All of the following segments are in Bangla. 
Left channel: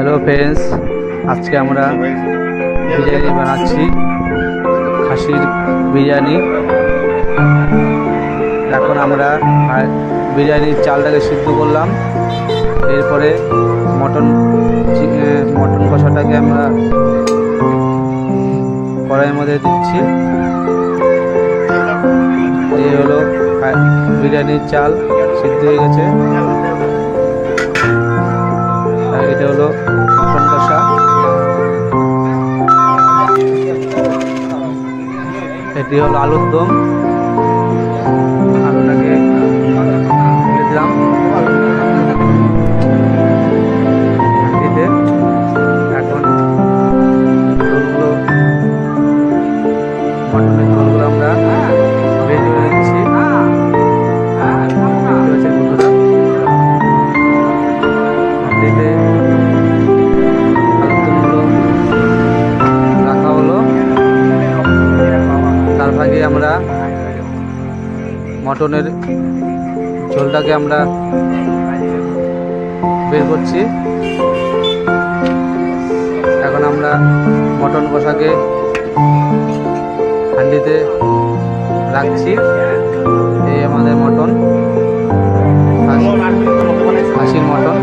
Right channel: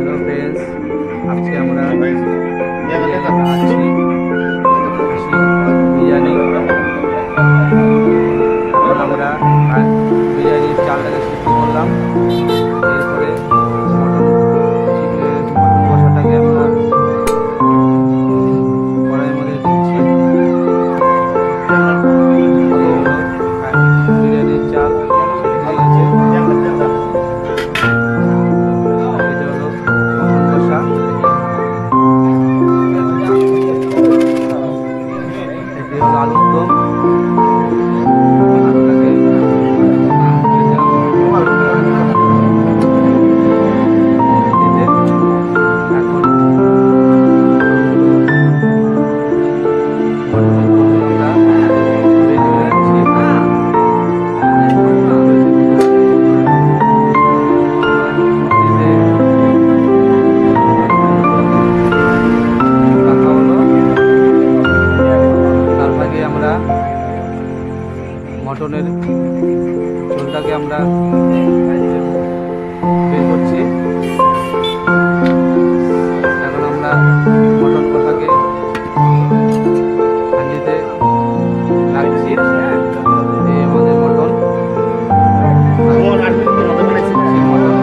हेलो फ्रेंड्स, आज के আমরা বিরিয়ানি বানাচ্ছি, খাসির বিরিয়ানি। এখন আমরা বিরিয়ানির চালটাকে সিদ্ধ করলাম, এরপরে মটন কষাটাকে আমরা কড়াইয়ের মধ্যে দিচ্ছি। এই হলো বিরিয়ানির চাল সিদ্ধ হয়ে গেছে। আর এটা হলো মটন কষা, এটি হলো আলুর দম। আলুটাকে দিলাম এখন মটনের ঝোলগুলো আমরা রেডি করে দিচ্ছি। আমরা মটনের ঝোলটাকে আমরা বের করছি। এখন আমরা মটন কষাকে হাঁড়িতে রাখছি। এই আমাদের মটন, খাসির মটন।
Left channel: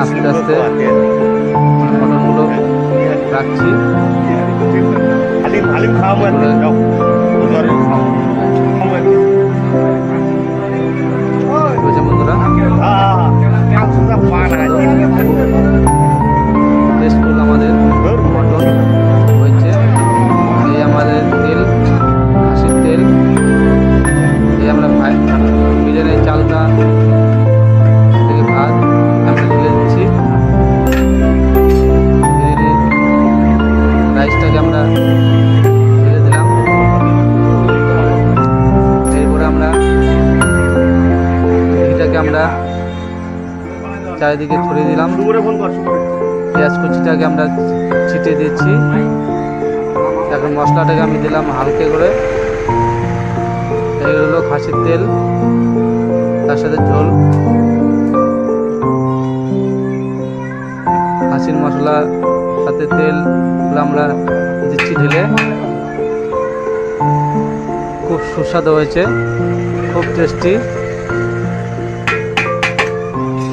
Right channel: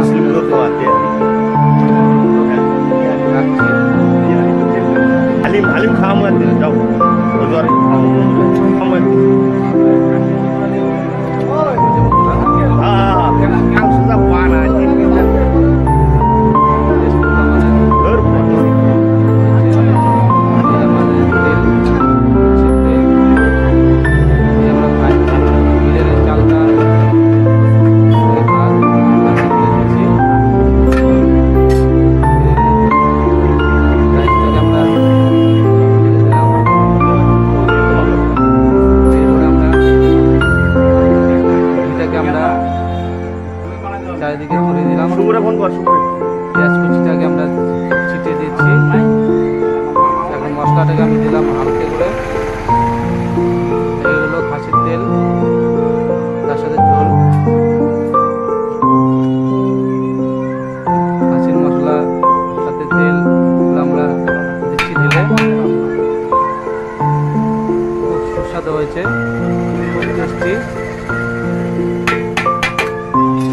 আস্তে আস্তে মটনগুলো রাখছি। বন্ধুরা, আমাদের মটন হয়েছে। এই আমাদের তেল, খাসির তেল। এই আমরা বিরিয়ানির চালটা থেকে ভাত আমি দিয়ে দিচ্ছি। রাইসটাকে আমরা ঢেলে দিলাম। এরপরে আমরা ঘিটাকে আমরা চারিদিকে ছড়িয়ে দিলাম। পেঁয়াজ কুচিটাকে আমরা ছিটিয়ে দিচ্ছি। এখন মশলাটাকে আমি দিলাম হালকা করে। এই হলো খাসির তেল, তার সাথে ঝোল, খাসির মশলা সাথে তেল আমরা দিচ্ছি ঢেলে। খুব সুস্বাদু হয়েছে, খুব টেস্টি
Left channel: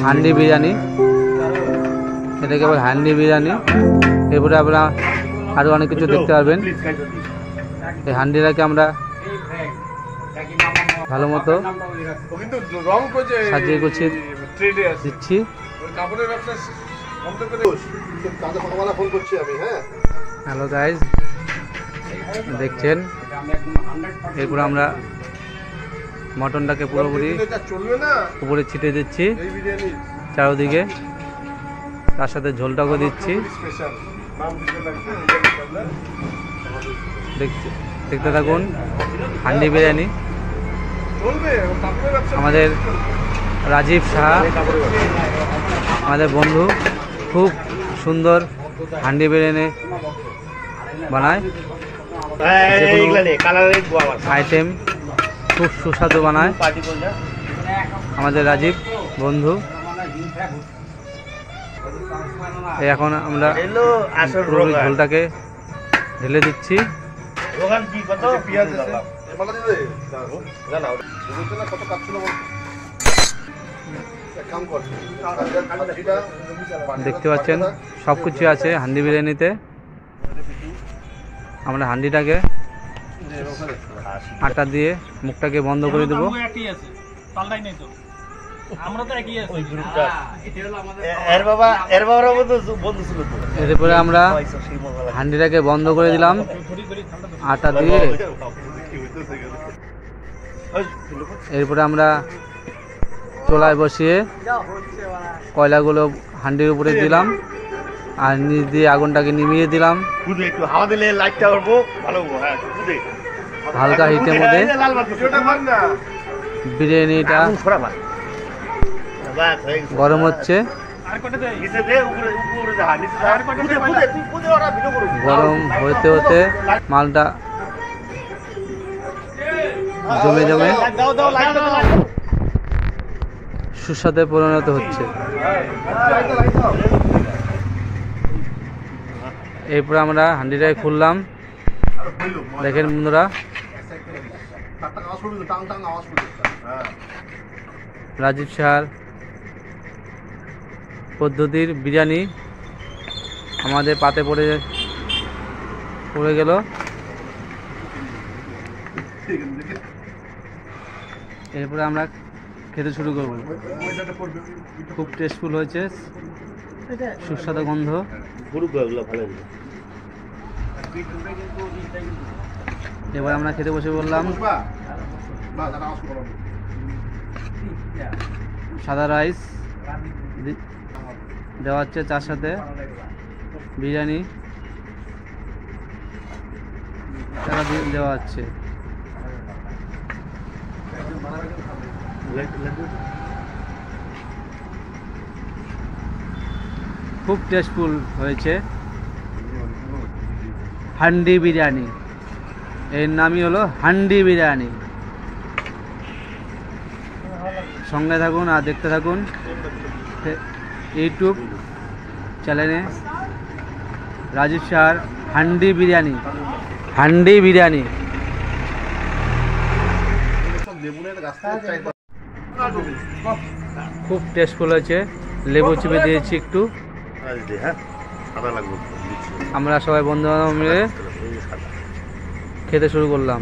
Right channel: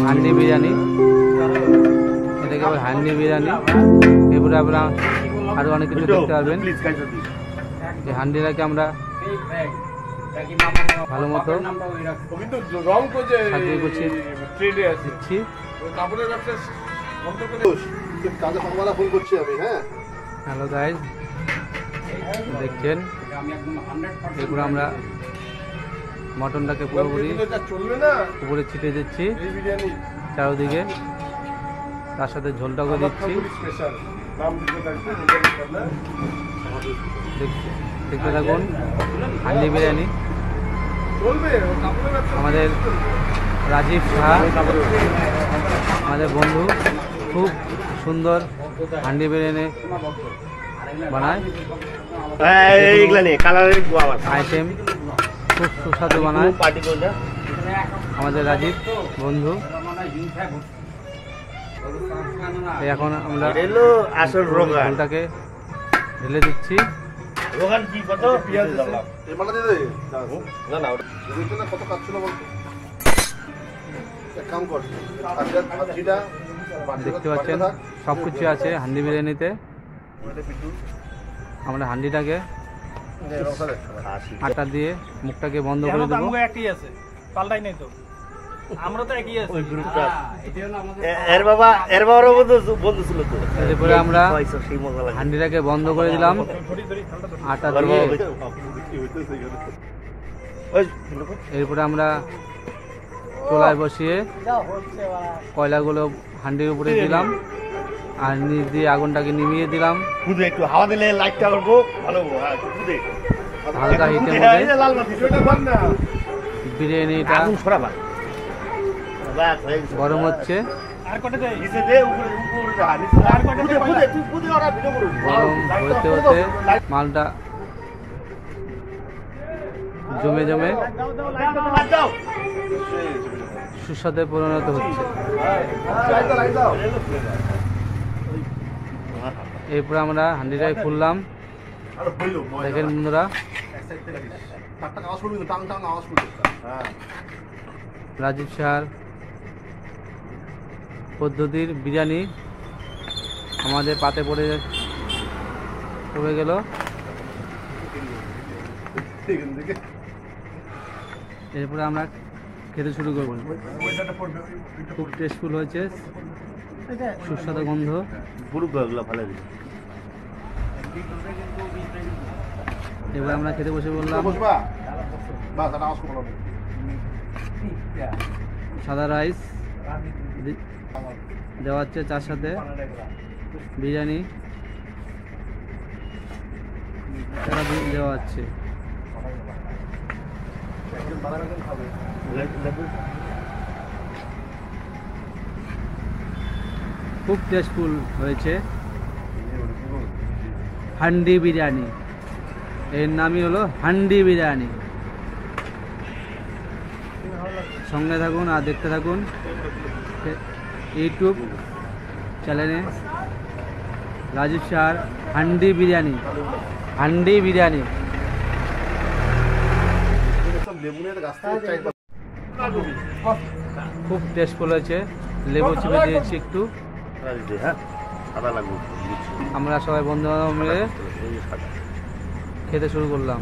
হান্ডি বিরিয়ানি। এটাকে বলে হান্ডি বিরিয়ানি। এরপরে আপনারা আরও অনেক কিছু দেখতে পারবেন। এই হান্ডিটাকে আমরা ভালো মতো সাজিয়ে গুছিয়ে দিচ্ছি। হ্যালো গাইজ, দেখছেন এরপরে আমরা মটনটাকে পুরোপুরি উপরে ছিটিয়ে দিচ্ছি চারদিকে, তার সাথে ঝোলটাকে দিচ্ছি। দেখতে থাকুন হান্ডি বিরিয়ানি। আমাদের রাজীব সাহা, আমাদের বন্ধু, খুব সুন্দর হান্ডি বিরিয়ানি বানায়। আইটেম খুব সুস্বাদু বানায় আমাদের রাজীব বন্ধু। এখন আমরা ঝোলটাকে ঢেলে দিচ্ছি। দেখতে পাচ্ছেন সবকিছু আছে হান্ডি বিরিয়ানিতে। আমরা হান্ডিটাকে আটা দিয়ে মুখটাকে বন্ধ করে দেবো। এরপরে আমরা হান্ডিটাকে বন্ধ করে দিলাম আটা দিয়ে। এরপরে আমরা চুলায় বসিয়ে কয়লাগুলো হান্ডির উপরে দিলাম আর নিচ দিয়ে আগুনটাকে নিভিয়ে দিলাম। হালকা হিটের মধ্যে বিরিয়ানিটা গরম হচ্ছে। গরম হতে হতে মালটা জমে জমে সুস্বাদে পরিণত হচ্ছে। এরপর আমরা হান্ডিটাই খুললাম। দেখেন বন্ধুরা, রাজীব শাহর পদ্ধতির বিরিয়ানি আমাদের পাতে পড়ে গেল। এরপরে আমরা খেতে শুরু করব। খুব টেস্টফুল হয়েছে, সুস্বাদু গন্ধ। এবার আমরা খেতে বসে বললাম। সাদা রাইস দেওয়া হচ্ছে, তার সাথে বিরিয়ানি দেওয়া হচ্ছে। খুব টেস্টফুল হয়েছে হান্ডি বিরিয়ানি। এর নামই হলো হান্ডি বিরিয়ানি। সঙ্গে থাকুন আর দেখতে থাকুন ইউটিউব চ্যানেলে রাজীব শাহর হান্ডি বিরিয়ানি। হান্ডি বিরিয়ানি খুব টেস্টফুল হয়েছে। লেবু চিপে দিয়েছি একটু। আমরা সবাই বন্ধু বান্ধব মিলে খেতে শুরু করলাম।